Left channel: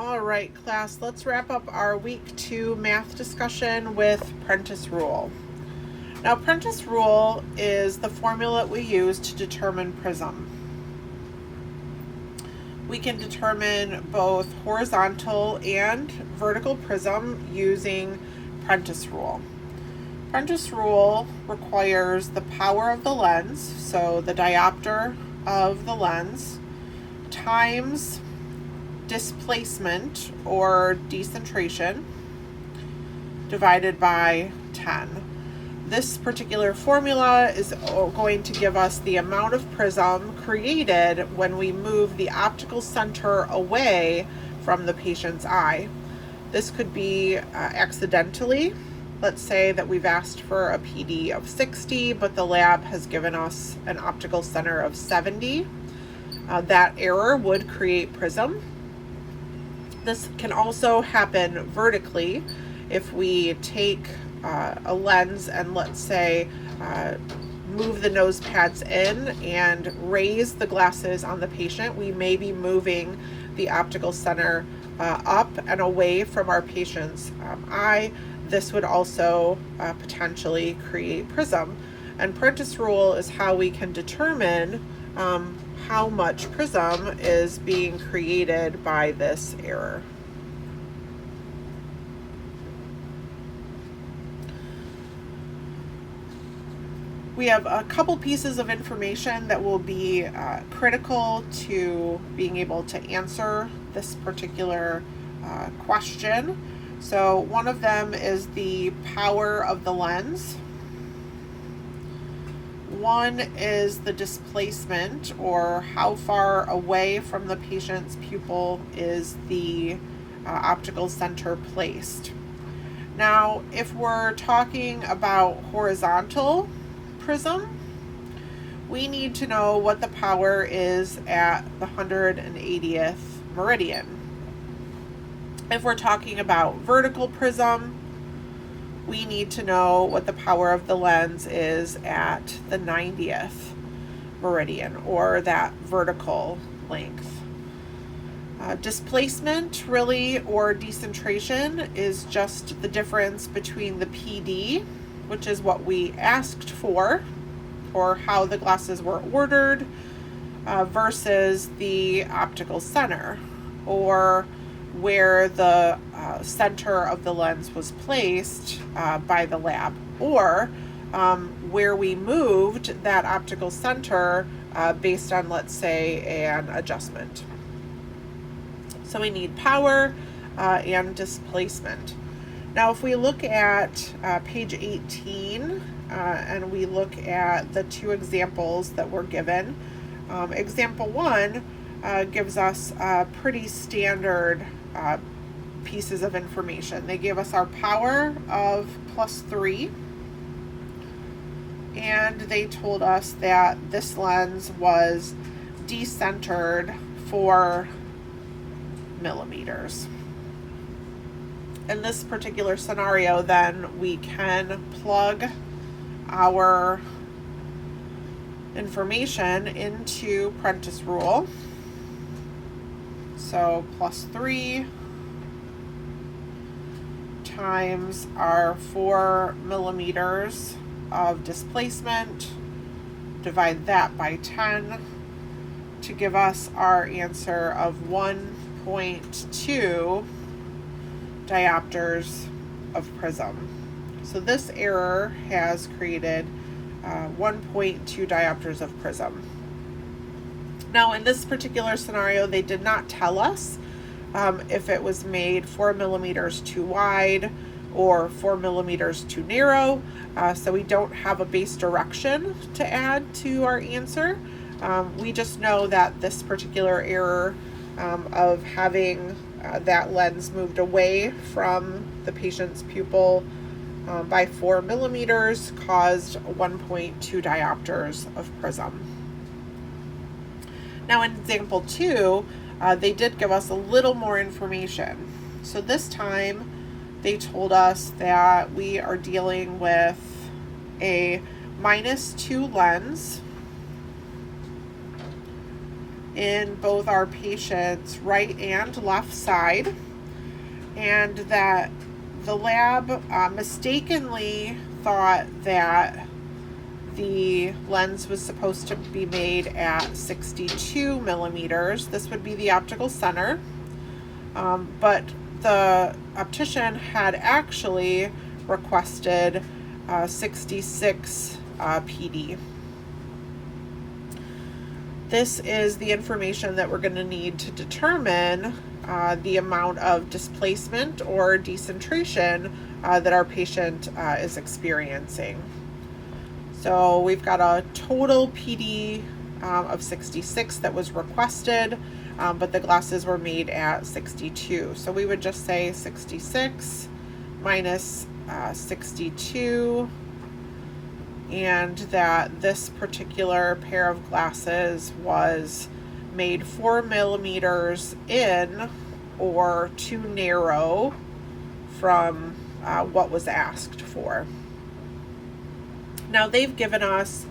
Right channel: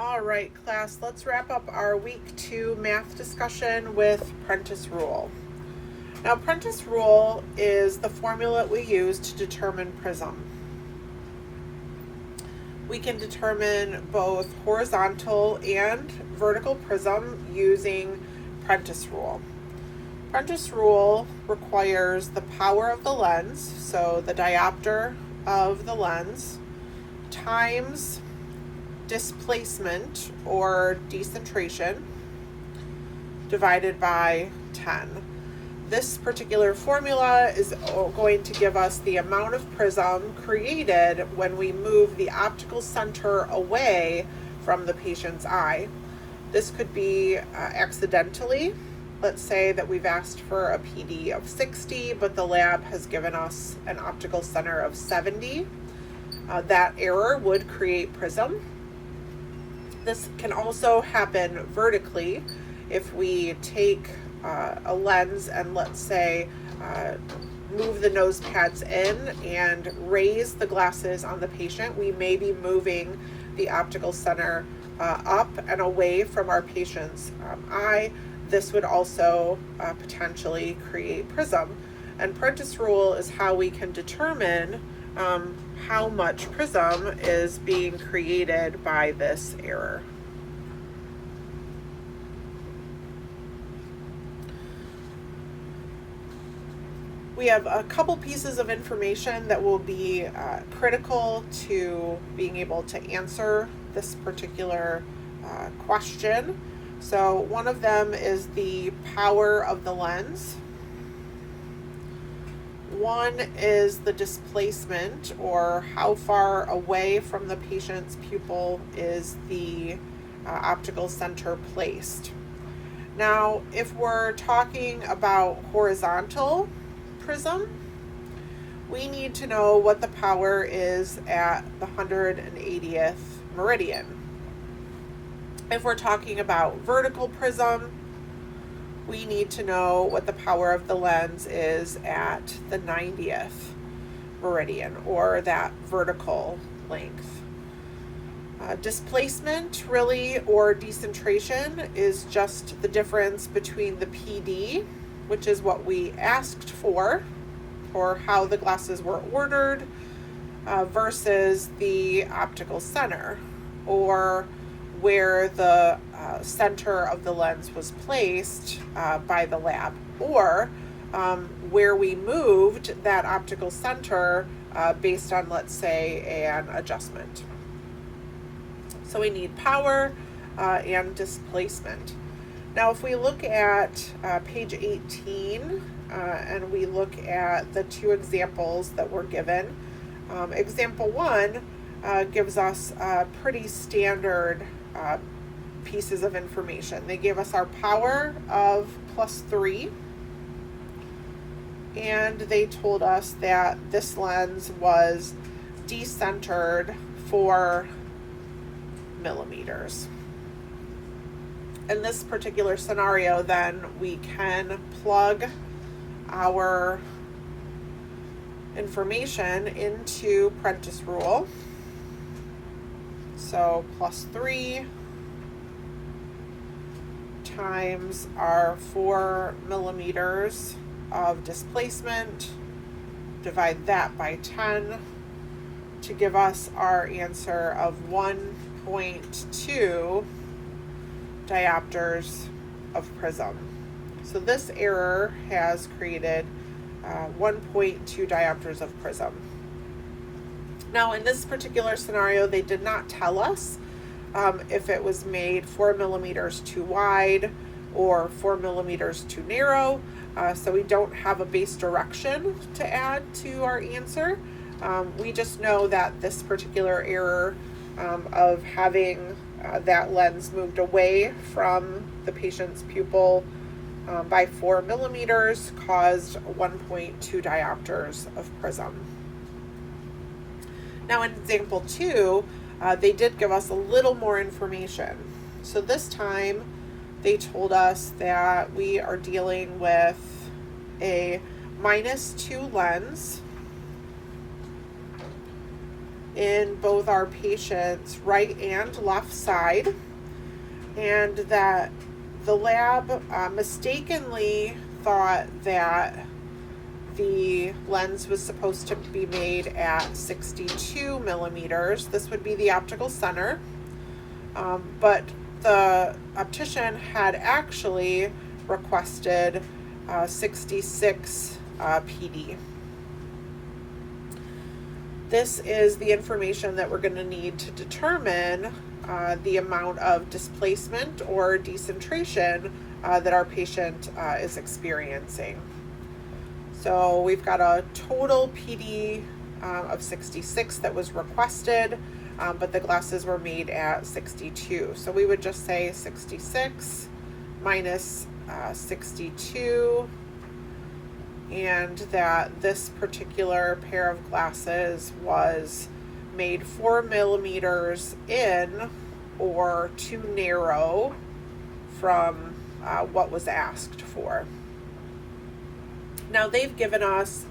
All right, class, let's wrap up our week 2 math discussion with Prentice Rule. Now, Prentice Rule is the formula we use to determine prism. We can determine both horizontal and vertical prism using Prentice Rule. Prentice Rule requires the power of the lens, so the diopter of the lens, times displacement or decentration divided by 10. This particular formula is going to give us the amount of prism created when we move the optical center away from the patient's eye. This could be accidentally. Let's say that we've asked for a PD of 60, but the lab has given us an optical center of 70. That error would create prism. This can also happen vertically if we take a lens and, let's say, move the nose pads in and raise the glasses on the patient. We may be moving the optical center up and away from our patient's eye. This would also potentially create prism. And Prentice Rule is how we can determine how much prism is being created by this error. We have a couple pieces of information that will be critical to being able to answer this particular question. So one of them is the power of the lens. One is the displacement, or how far away from the patient's pupil is the optical center placed. Now, if we're talking about horizontal prism, we need to know what the power is at the 180th meridian. If we're talking about vertical prism, we need to know what the power of the lens is at the 90th meridian, or that vertical length. Displacement, really, or decentration, is just the difference between the PD, which is what we asked for, or how the glasses were ordered, versus the optical center, or where the center of the lens was placed by the lab, or where we moved that optical center based on, let's say, an adjustment. So we need power and displacement. Now, if we look at page 18 and we look at the two examples that were given, example 1 gives us pretty standard pieces of information. They gave us our power of +3, and they told us that this lens was decentered 4 millimeters. In this particular scenario, then, we can plug our information into Prentice Rule. So +3 times our 4 millimeters of displacement, divide that by 10 to give us our answer of 1.2 diopters of prism. So this error has created 1.2 diopters of prism. Now, in this particular scenario, they did not tell us if it was made 4 millimeters too wide or 4 millimeters too narrow, so we don't have a base direction to add to our answer. We just know that this particular error of having that lens moved away from the patient's pupil by 4 millimeters caused 1.2 diopters of prism. Now, in example 2, they did give us a little more information. So this time they told us that we are dealing with a -2 lens in both our patient's right and left side, and that the lab mistakenly thought that the lens was supposed to be made at 62 millimeters. This would be the optical center, but the optician had actually requested 66 PD. This is the information that we're going to need to determine the amount of displacement or decentration that our patient is experiencing. So we've got a total PD of 66 that was requested, but the glasses were made at 62. So we would just say 66 minus 62, and that this particular pair of glasses was made 4 millimeters in or too narrow from what was asked for. Now they've given us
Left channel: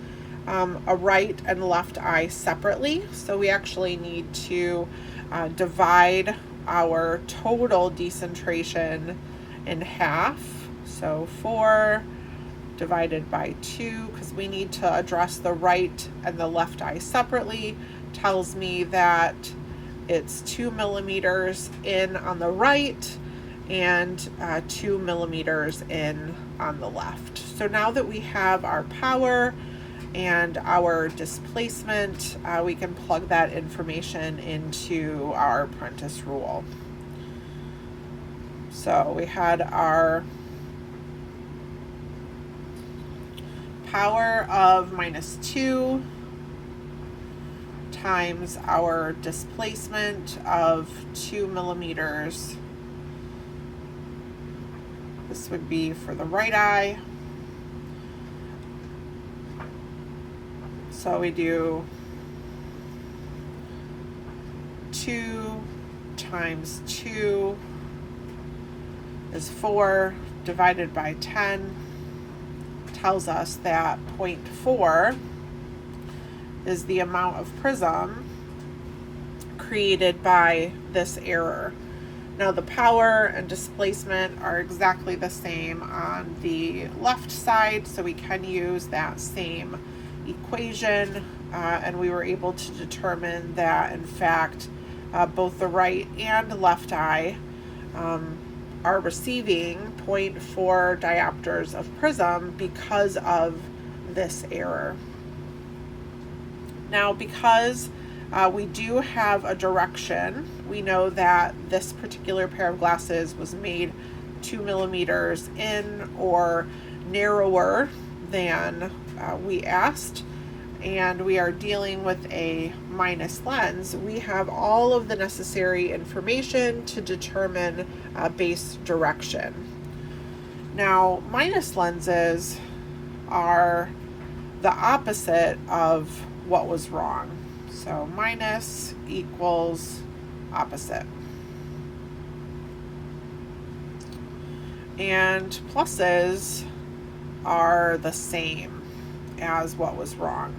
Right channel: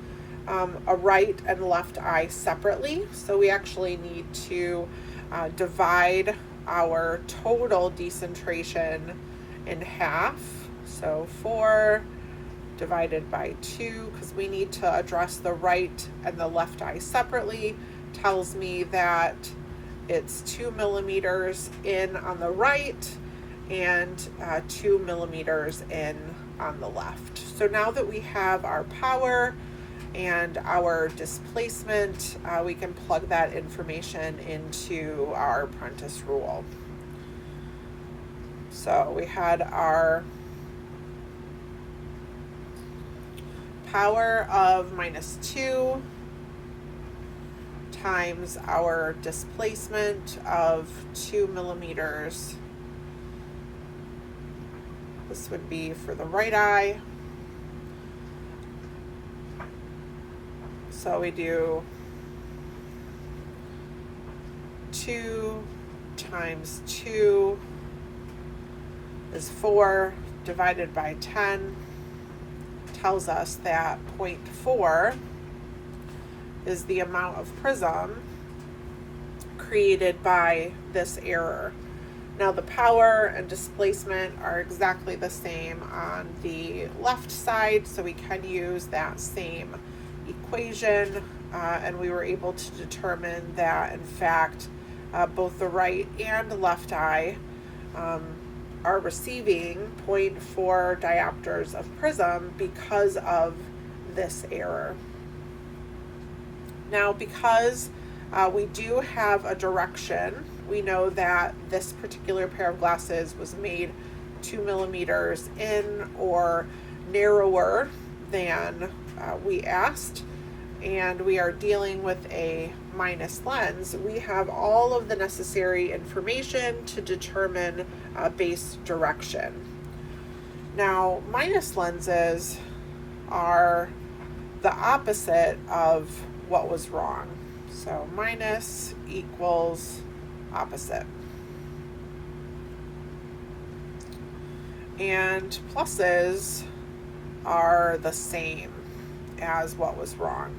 a right and left eye separately, so we actually need to divide our total decentration in half. So 4 divided by 2, because we need to address the right and the left eye separately, tells me that it's 2 millimeters in on the right and 2 millimeters in on the left. So now that we have our power and our displacement, we can plug that information into our Prentice Rule. So we had our power of -2 times our displacement of 2 millimeters. This would be for the right eye. So we do 2 times 2 is 4 divided by 10 tells us that 0.4 is the amount of prism created by this error. Now the power and displacement are exactly the same on the left side, so we can use that same equation, and we were able to determine that in fact both the right and left eye are receiving 0.4 diopters of prism because of this error. Now, because we do have a direction, we know that this particular pair of glasses was made 2 millimeters in or narrower than we asked, and we are dealing with a minus lens. We have all of the necessary information to determine base direction. Now, minus lenses are the opposite of what was wrong. So minus equals opposite. And pluses are the same as what was wrong.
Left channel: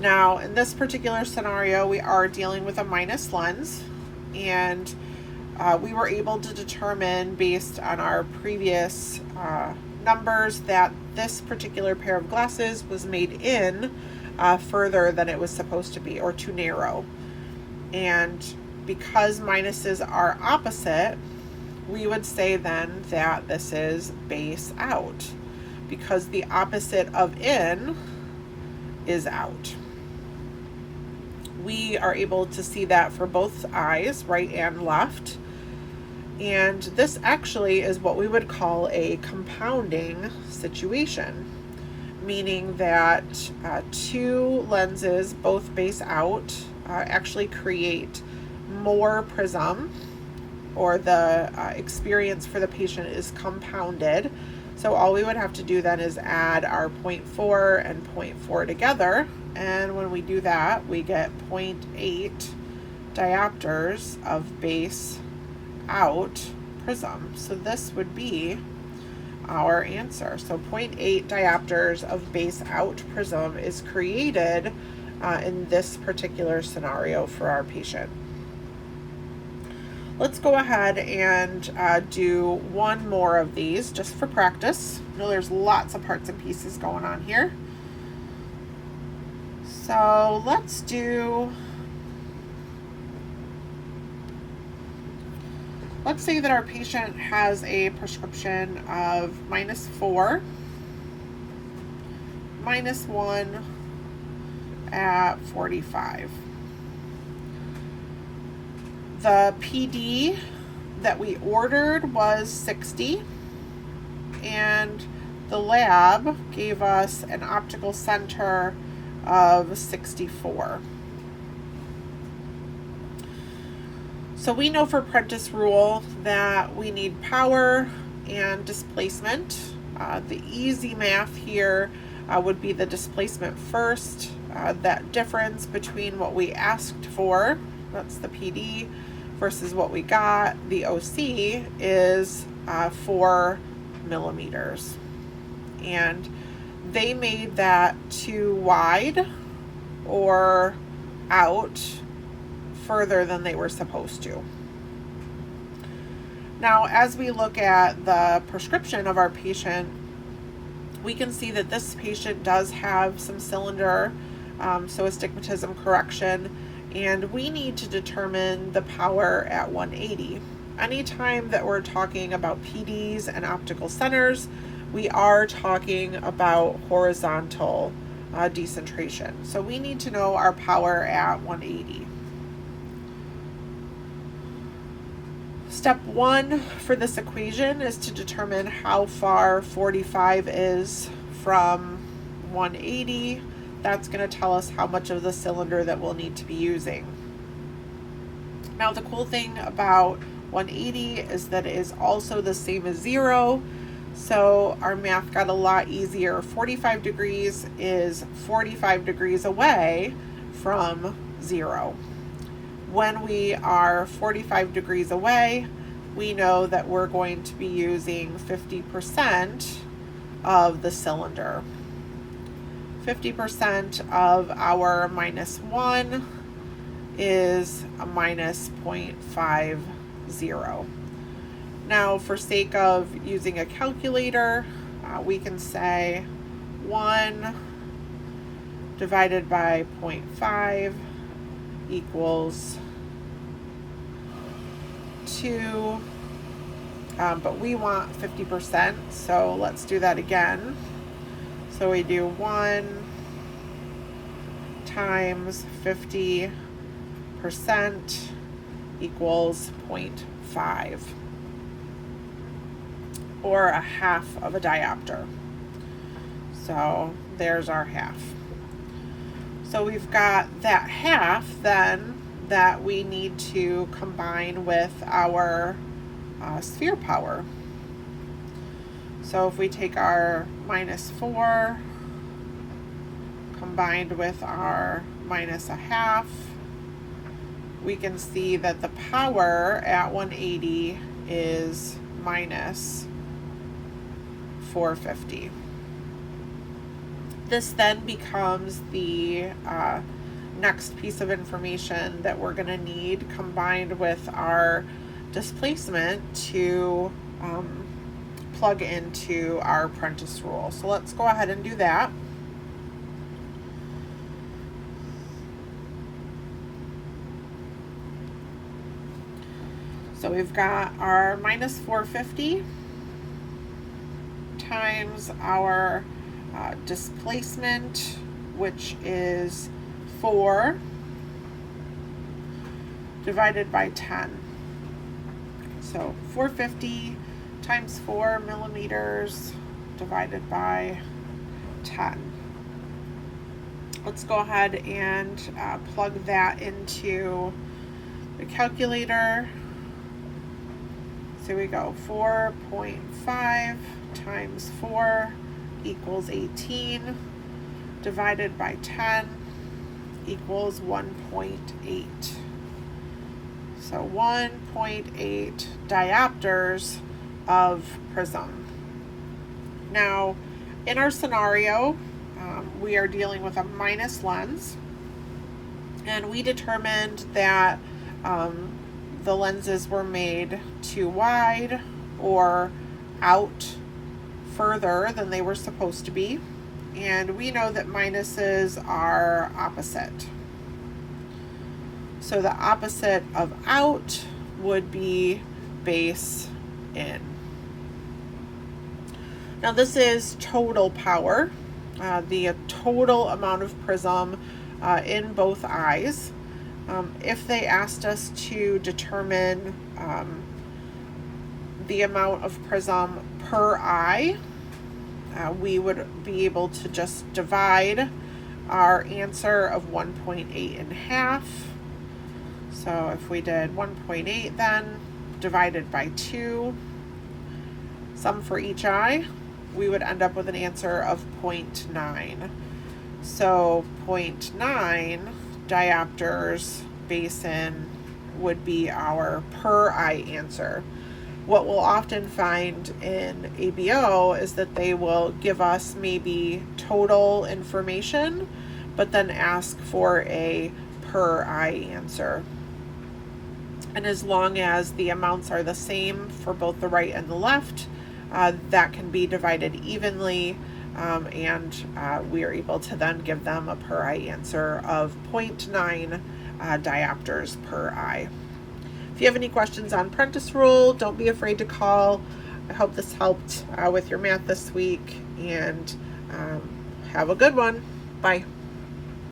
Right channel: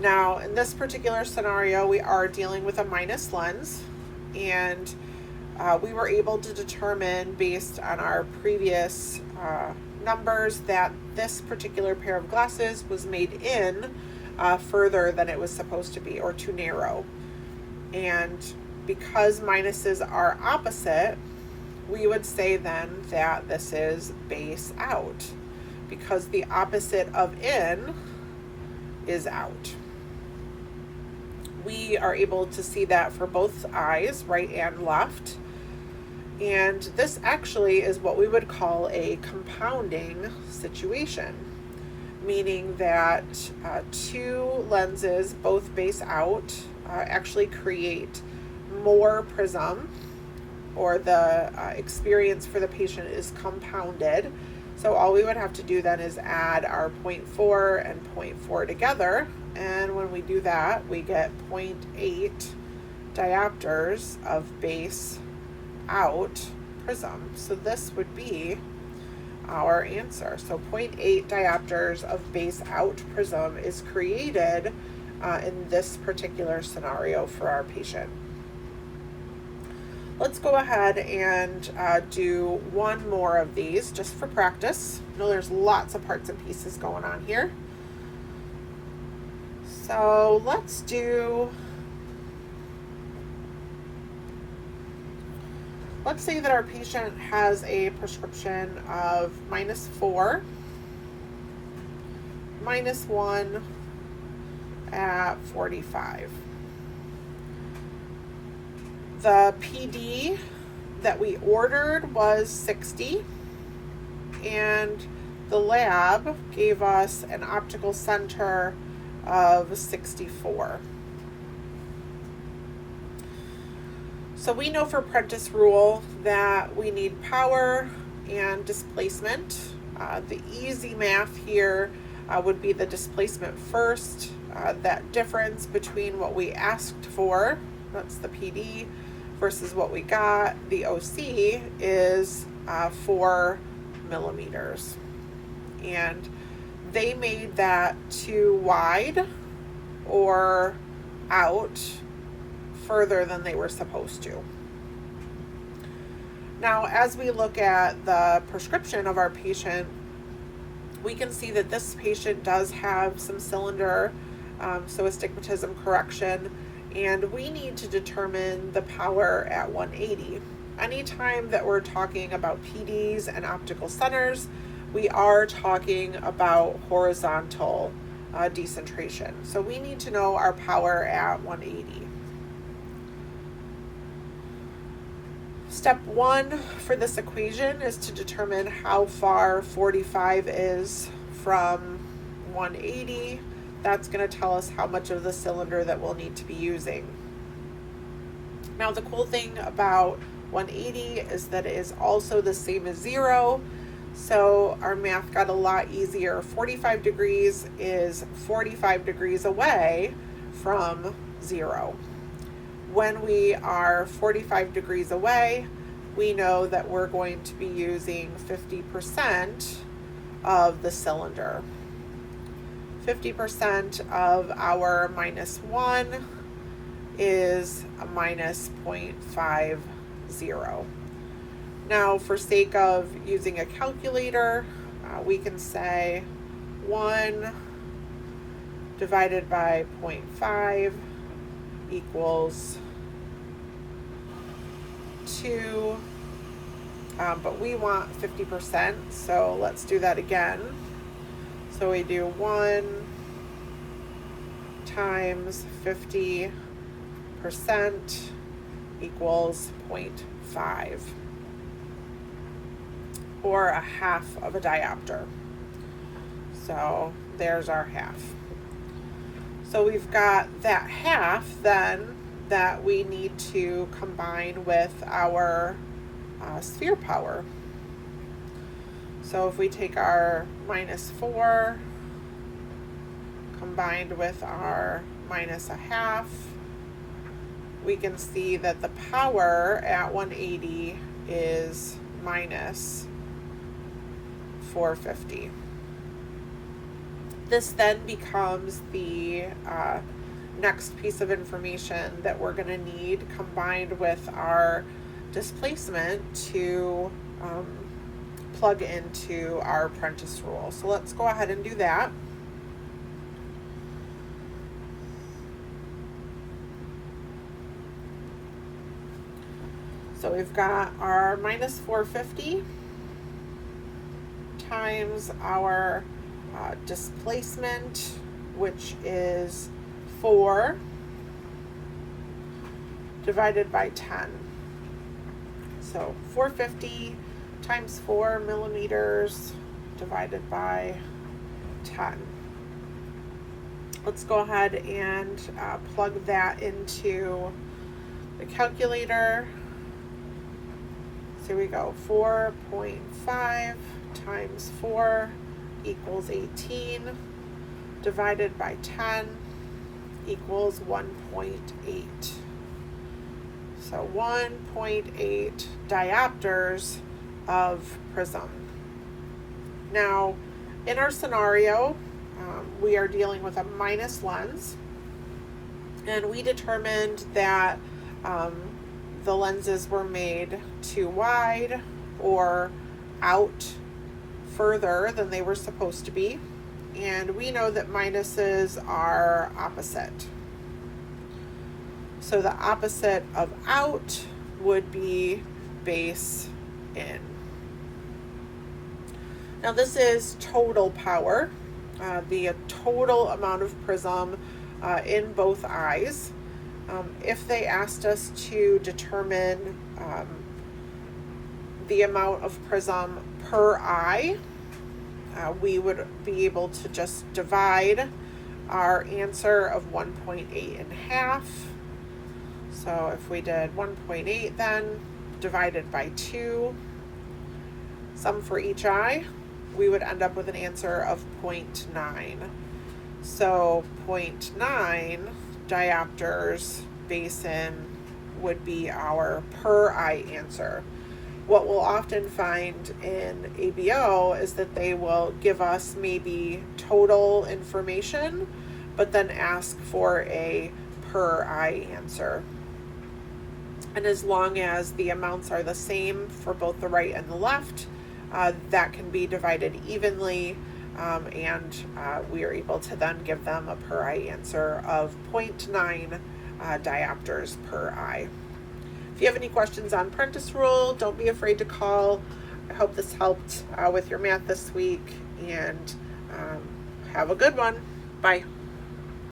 Now, in this particular scenario, we are dealing with a minus lens, and we were able to determine based on our previous numbers that this particular pair of glasses was made in further than it was supposed to be, or too narrow. And because minuses are opposite, we would say then that this is base out, because the opposite of in is out. We are able to see that for both eyes, right and left. And this actually is what we would call a compounding situation, meaning that two lenses, both base out, actually create more prism, or the experience for the patient is compounded. So all we would have to do then is add our 0.4 and 0.4 together, and when we do that, we get 0.8 diopters of base out prism. So this would be our answer. So 0.8 diopters of base out prism is created in this particular scenario for our patient. Let's go ahead and do one more of these just for practice. I know there's lots of parts and pieces going on here. So let's say that our patient has a prescription of -4, -1 at 45. The PD that we ordered was 60, and the lab gave us an optical center of 64. So we know for Prentice Rule that we need power and displacement. The easy math here would be the displacement first. That difference between what we asked for, that's the PD, versus what we got, the OC, is 4 millimeters. And they made that too wide or out further than they were supposed to. Now, as we look at the prescription of our patient, we can see that this patient does have some cylinder, so astigmatism correction, and we need to determine the power at 180. Anytime that we're talking about PDs and optical centers, we are talking about horizontal decentration. So we need to know our power at 180. Step 1 for this equation is to determine how far 45 is from 180. That's going to tell us how much of the cylinder that we'll need to be using. Now, the cool thing about 180 is that it is also the same as 0, so our math got a lot easier. 45 degrees is 45 degrees away from 0. When we are 45 degrees away, we know that we're going to be using 50% of the cylinder. 50% of our -1 is a -0.50. Now, for sake of using a calculator, we can say 1 divided by 0.5 equals 2, but we want 50%, so let's do that again. So we do 1 times 50% equals 0.5, or a half of a diopter. So there's our half. So we've got that half then that we need to combine with our sphere power. So if we take our -4 combined with our -1/2, we can see that the power at 180 is -450. This then becomes the next piece of information that we're going to need combined with our displacement to plug into our Prentice Rule. So let's go ahead and do that. So we've got our -450 times our displacement, which is 4, divided by 10. So 450 times 4 millimeters divided by 10. Let's go ahead and plug that into the calculator. So we go 4.5 times 4 equals 18, divided by 10 equals 1.8. So 1.8 diopters of prism. Now, in our scenario, we are dealing with a minus lens. And we determined that the lenses were made too wide or out further than they were supposed to be. And we know that minuses are opposite. So the opposite of out would be base in. Now this is total power, the total amount of prism in both eyes. If they asked us to determine the amount of prism per eye, we would be able to just divide our answer of 1.8 in half. So if we did 1.8 then divided by 2, sum for each eye, we would end up with an answer of 0.9. So 0.9 diopters base in would be our per eye answer. What we'll often find in ABO is that they will give us maybe total information, but then ask for a per eye answer. And as long as the amounts are the same for both the right and the left, that can be divided evenly, and we are able to then give them a per eye answer of 0.9 diopters per eye. If you have any questions on Prentice Rule, don't be afraid to call. I hope this helped with your math this week, and have a good one. Bye.